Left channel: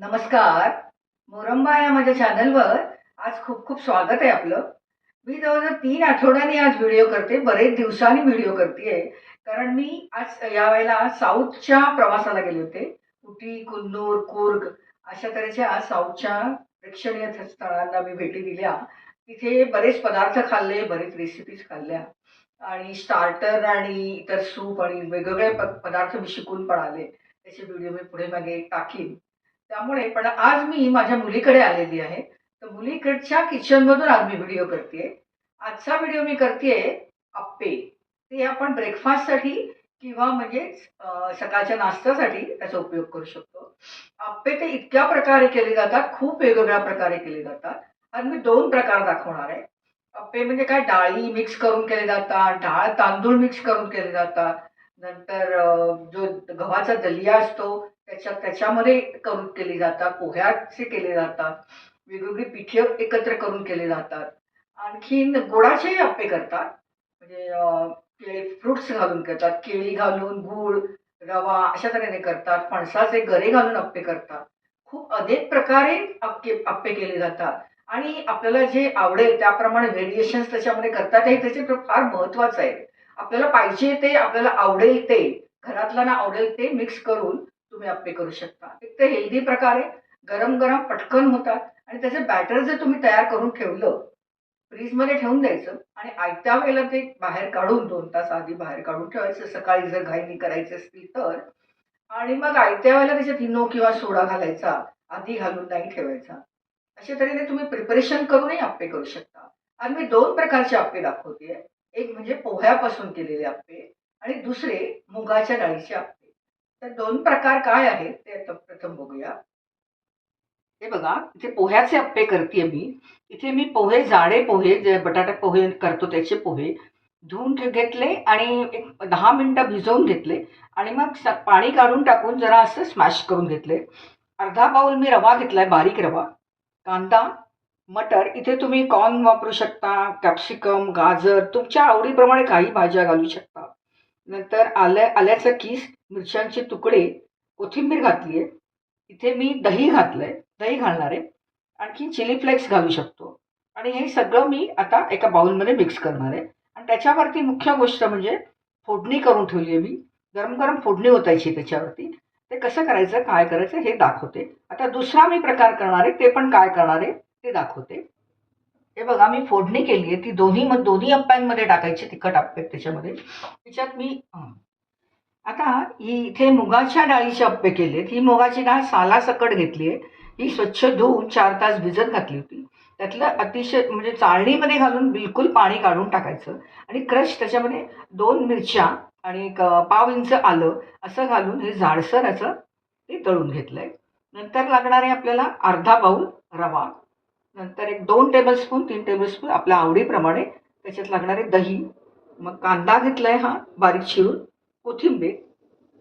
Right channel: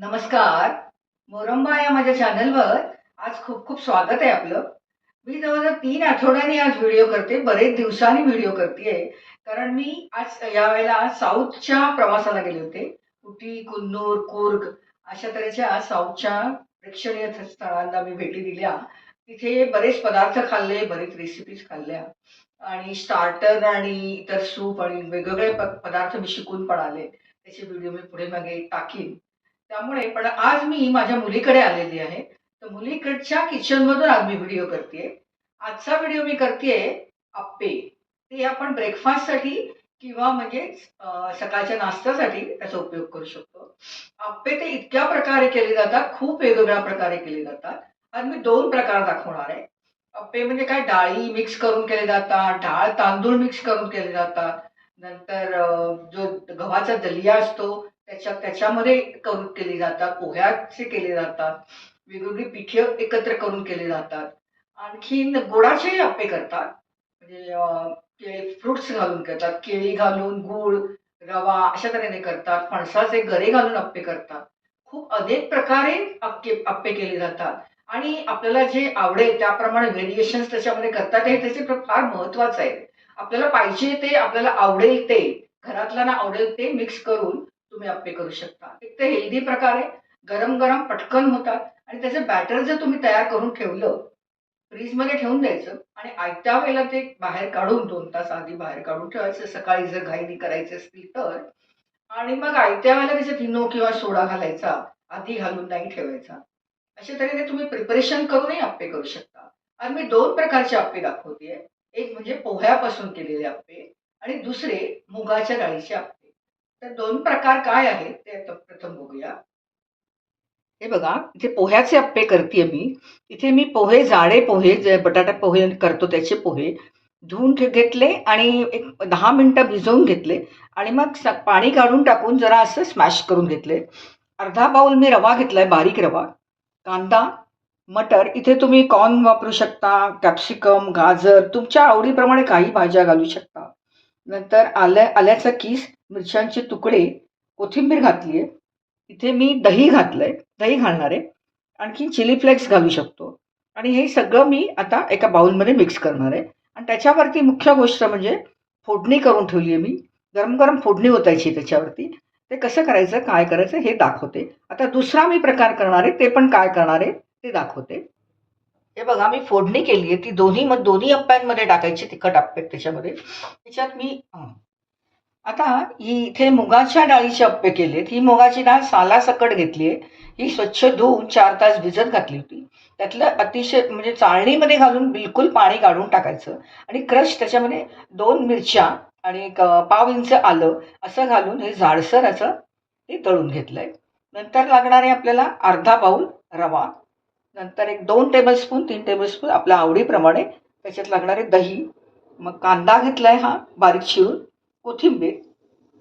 नमस्कार. मोरंबा या माझ्या चॅनलवर आज खूप खूप स्वागत आहे आपलं. मी जवळजवळ तीन आठवड्यांनी आज व्हिडिओ करते बरेच दिवसांनी व्हिडिओ करते कारण मी आज यावेळेला साऊथच्या प्रवासाला गेले होते. उटी कुन्नूर कुर्ग अशा तऱ्हेच्या साऊथच्या प्रेक्षणीय स्थळांना मी भेटी दिल्या. तिथे बरेच पदार्थ खाल्ले बरेच रेसिपीज खाल्ल्या. आणि स्टार्टर आणि इतर सूप आणि वेगवेगळे प पदार्थ मी शिकून पण आले. त्याचे व्हिडिओ मी पुढे मागे टाकीन. त्यामुळे पण आज मी माझ्या मुलीकडे आलेली आहे. तर मुलीकडच्या किचनमधून आज मी व्हिडिओ करते आजचा व्हिडिओ मी करते अप्पे. ते आपण ब्रेकफास्टसाठी किंवा म्हणजे सकाळच्या नाश्त्यासाठी त्याचा उपयोग करू शकतो. अप्पे ते इतक्या प्रकारे केले जातात खूप वेगवेगळ्या प्रकारे केले जातात. आज मी दोन प्रकार दाखवणार आहे. अप्पे म्हणजे काय? डाळी मिक्स करून केले जातात डाळ तांदूळ मिक्स करून केले जातात. नंतर जो गव्हाचा दलिया असतो त्याच्या त्याच्यामध्ये करून केली जातात पोह्याचे केले जातात वेगवेगळी पिठे एकत्र करून केले जातात. आणखीन गोडाचेही अप्पे करतात. म्हणजे फ्रुट्स घालून करतात केळी घालून गूळ रवा अशा तऱ्हेने करतात फणसाचे गरे घालून अप्पे करतात. खूप अनेक प्रकारे अप्पे अप्पे केले जातात. आणि आपल्याला जे आवडेल त्याप्रमाणे व्हेरिएशन्स त्याच्यामध्ये करतात हे त्याचे फार महत्वाचं आहे. आपल्याला पाहिजे ते आपल्याला आवडेल ते घरातल्यांना आवडेल ते मिक्स करून तुम्ही अप्पे करू शकता. एक तर हेल्दी प्रकारे गरम गरम पटकन होतात. आणि त्याचं बॅटर जर तुम्ही तयार करून ठेवलं फ्रीजमध्ये ठेवून द्यायचं आणि आयत्या वेळेला ते बाहेर काढून दोन तास आधी बाहेर काढून ठेवायचं सकाळी जर घाईनी करायचे असतील तर. आणि मग आयत्या वेळेला त्याच्यात इनो किंवा सोडा घालायचा आधी घालून नाही ठेवायचा. अशा तऱ्हेने तुम्ही प्रिपरेशन करूनही आप्पे करू शकता. आणि मी दोन प्रकारचे आप्पे दाखवते. एक म्हणजे पोह्यापासून केलेले आप्पे आणि दुसरे मुगाच्या डाळीचे आप्पे तर दोन प्रकार काय आहेत ते प्रथम बघूया. हे बघा इथे पोह्याचे अप्पे करते मी. इथे मी पोहे जाडे पोहे जे बटाटा पोहे करतो त्याचे पोहे धुवून घेतले आणि एक दहा मिनटं भिजवून घेतले आणि मग स- पाणी काढून टाकून जरा असं स्मॅश करून घेतले. अर्धा बाऊल मी रवा घेतलाय बारीक रवा. कांदा मटर इथे तुम्ही कॉर्न वापरू शकता कॅप्सिकम गाजर तुमच्या आवडीप्रमाणे काही भाज्या घालू शकता. नंतर आल्या आल्याचं कीस मिरच्यांचे तुकडे कोथिंबीर घातली आहे इथे मी दही घातलं आहे दही घालणार. आहे आणखी चिली फ्लेक्स घालू शकतो. आणि हे सगळं मी आता एका बाउलमध्ये मिक्स करणार आहे. आणि त्याच्यावरती मुख्य गोष्ट म्हणजे फोडणी करून ठेवली आहे मी. गरम गरम फोडणी ओतायची त्याच्यावरती. ते कसं करायचं काय करायचं हे दाखवते. आता दुसरा मी प्रकार करणार आहे ते पण काय करणार आहे ते दाखवते. हे बघा मी फोडणी केली आहे. ती दोन्ही मग दोन्ही अप्प्यांमध्ये टाकायची तिखट अप्पे त्याच्यामध्ये. त्याच्यात मी आता ही इथे मुगाच्या डाळीचे अप्पे केलेत ही मुगाची डाळ सालासकट घेतली आहे. ही स्वच्छ धुवून चार तास भिजत घातली होती. त्यातलं अतिशय म्हणजे चाळणीमध्ये घालून बिलकुल पाणी काढून टाकायचं आणि क्रश त्याच्यामध्ये दोन मिरच्या आणि एक पाव इंच आलं असं घालून हे झाडसर असं ते तळून घेतलं आहे नंतर लागणार आहे आपल्याला अर्धा बाऊल रवा. नंतर एक दोन टेबलस्पून तीन टेबलस्पून आपल्या आवडीप्रमाणे त्याच्यात लागणारे दही मग कांदा घेतला आहे हा बारीक चिरून कोथिंबीर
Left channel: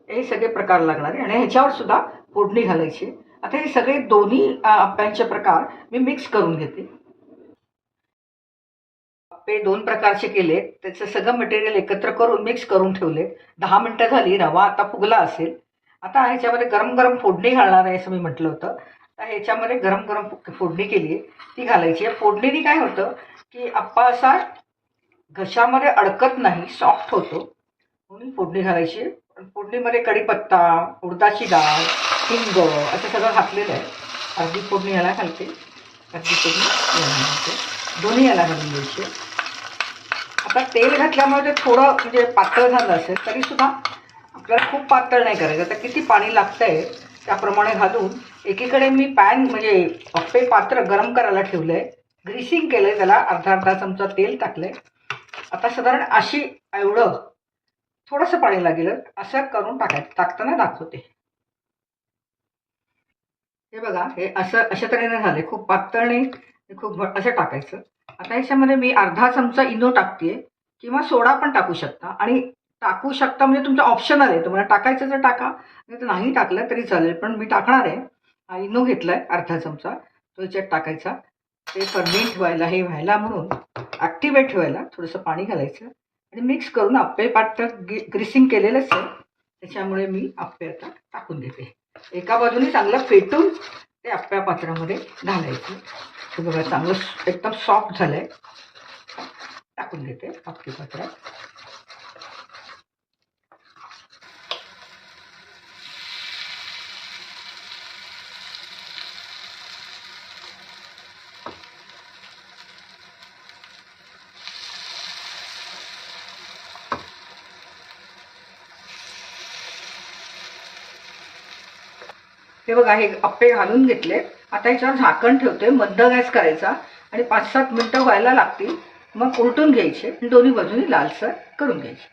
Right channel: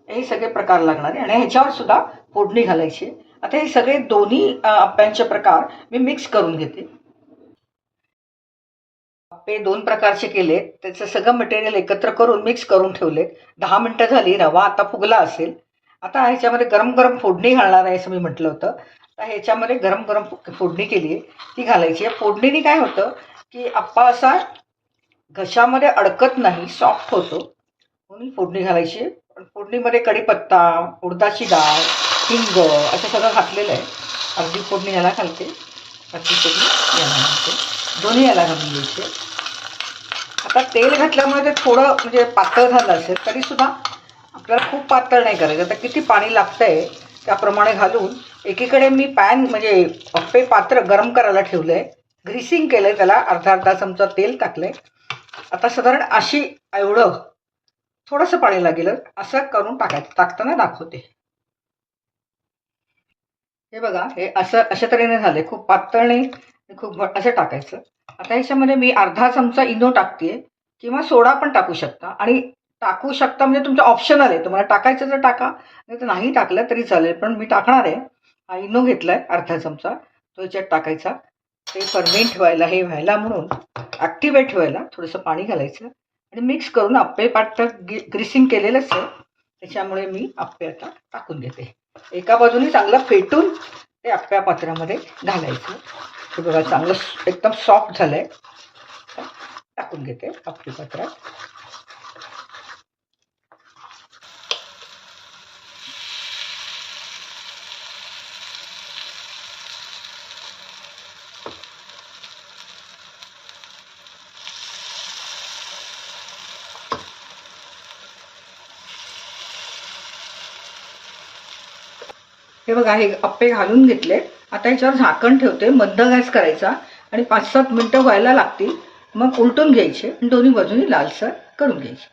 हे सगळे प्रकार लागणार आहे आणि ह्याच्यावर सुद्धा फोडणी घालायची. आता हे सगळे दोन्ही आप्यांचे अप्प्यांचे प्रकार मी मिक्स करून घेते. अप्पे दोन प्रकारचे केले त्याचं सगळं मटेरियल एकत्र करून मिक्स करून ठेवले दहा मिनटं झाली रवा आता फुगला असेल. आता ह्याच्यामध्ये गरम गरम फोडणी घालणार आहे असं मी म्हटलं होतं. तर ह्याच्यामध्ये गरम गरम फोडणी केली आहे ती घालायची आहे. फोडणीने काय होतं की आप्पा असा घशामध्ये अडकत नाही सॉफ्ट होतो. म्हणून फोडणी घालायची आहे. फोडणीमध्ये कढीपत्ता उडदाची डाळ हिंग असं सगळं घातलेलं आहे. अर्धी फोडणी याला घालते. अर्धी फोडणी याला घालते. दोन्ही याला घालून घ्यायची आता तेल घातल्यामुळे ते थोडं म्हणजे पातळ झालं असेल तरीसुद्धा आपल्याला खूप पातळ नाही करायचं. आता किती पाणी लागतं आहे त्याप्रमाणे घालून एकीकडे मी पॅन म्हणजे अप्पे पात्र गरम करायला ठेवलं आहे ग्रीसिंग केलं आहे त्याला अर्धा अर्धा चमचा तेल टाकलं आहे आता साधारण अशी एवढं थोडंसं पाणी लागेल असं करून टाकायचं टाकताना दाखवते. हे बघा हे असं अशा तऱ्हेने झाले खूप पातळ नाही खूप असं टाकायचं. आता ह्याच्यामध्ये मी अर्धा चमचा इनो टाकते किंवा सोडा पण टाकू शकता. आणि टाकू शकता म्हणजे तुमचं ऑप्शनल आहे. तुम्हाला टाकायचं तर टाका नाही तर नाही टाकलं तरी चालेल पण मी टाकणार आहे. हा इनो घेतला आहे अर्धा चमचा तो याच्यात टाकायचा. ते फर्मेंट व्हायला हे व्हायला म्हणून ॲक्टिवेट व्हायला थोडंसं पाणी घालायचं आणि मिक्स करून आप्पे पाठ ग्रिसिंग केलेलंच आहे त्याच्यामुळे मी आप्पे आता टाकून घेते एका बाजूने चांगलं फेटून ते आप्या पात्रामध्ये घालायचं. हे बघा चांगलं एकदम सॉफ्ट झालं आहे टाकून घेते आप्पे पात्रात. हे बघा हे अप्पे घालून घेतले. आता याच्यावर झाकण ठेवते मध्य गॅस करायचा आणि पाच सात मिनटं व्हायला लागतील. मग उलटून घ्यायचे आणि दोन्ही बाजूनी लालसर करून घ्यायचे.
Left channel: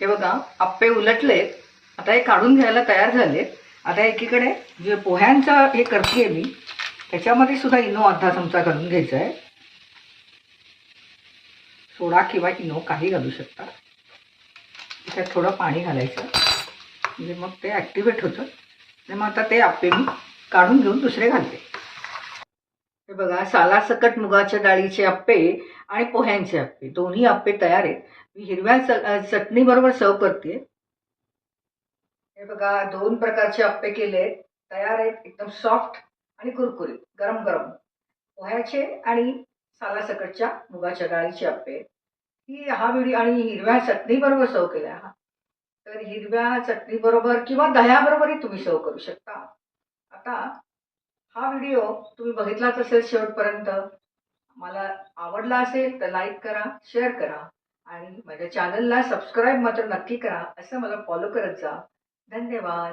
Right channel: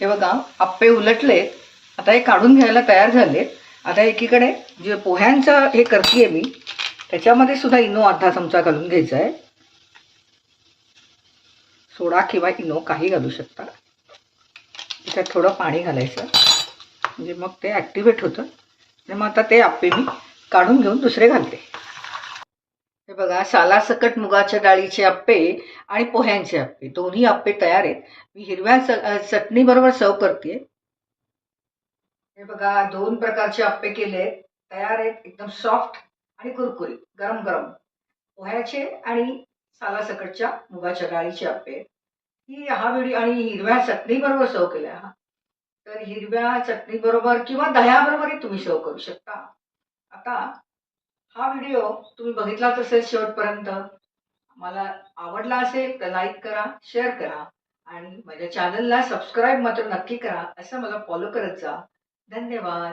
हे बघा अप्पे उलटलेत. आता हे काढून घ्यायला तयार झालेत. आता एकीकडे जे पोह्यांचं हे करते मी त्याच्यामध्ये सुद्धा इनो अर्धा चमचा घालून घ्यायचा आहे. सोडा किंवा इनो काही घालू शकता. त्याच्यात थोडं पाणी घालायचं. म्हणजे मग ते ॲक्टिवेट होतं. आणि मग आता ते अप्पे मी काढून घेऊन दुसरे घालते. हे बघा सालासकट मुगाच्या डाळीचे अप्पे आणि पोह्यांचे अप्पे दोन्ही अप्पे तयार आहेत. मी हिरव्या च चटणीबरोबर सर्व करते हे बघा दोन प्रकारचे अप्पे केले तयार आहेत. एकदम सॉफ्ट आणि कुरकुरीत गरम गरम. पोह्याचे आणि सालासकटच्या मुगाच्या डाळीचे अप्पे ही हा व्हिडिओ आणि हिरव्या चटणीबरोबर सर्व केला हा. तर हिरव्या चटणीबरोबर किंवा दह्याबरोबरही तुम्ही सर्व करू शकता. आता हा व्हिडिओ तुम्ही बघितलाच असेल शेवटपर्यंत. मला आवडला असेल तर लाईक करा शेअर करा आणि माझ्या चॅनलला सबस्क्राईब मात्र नक्की करा असं मला फॉलो करत जा. धन्यवाद.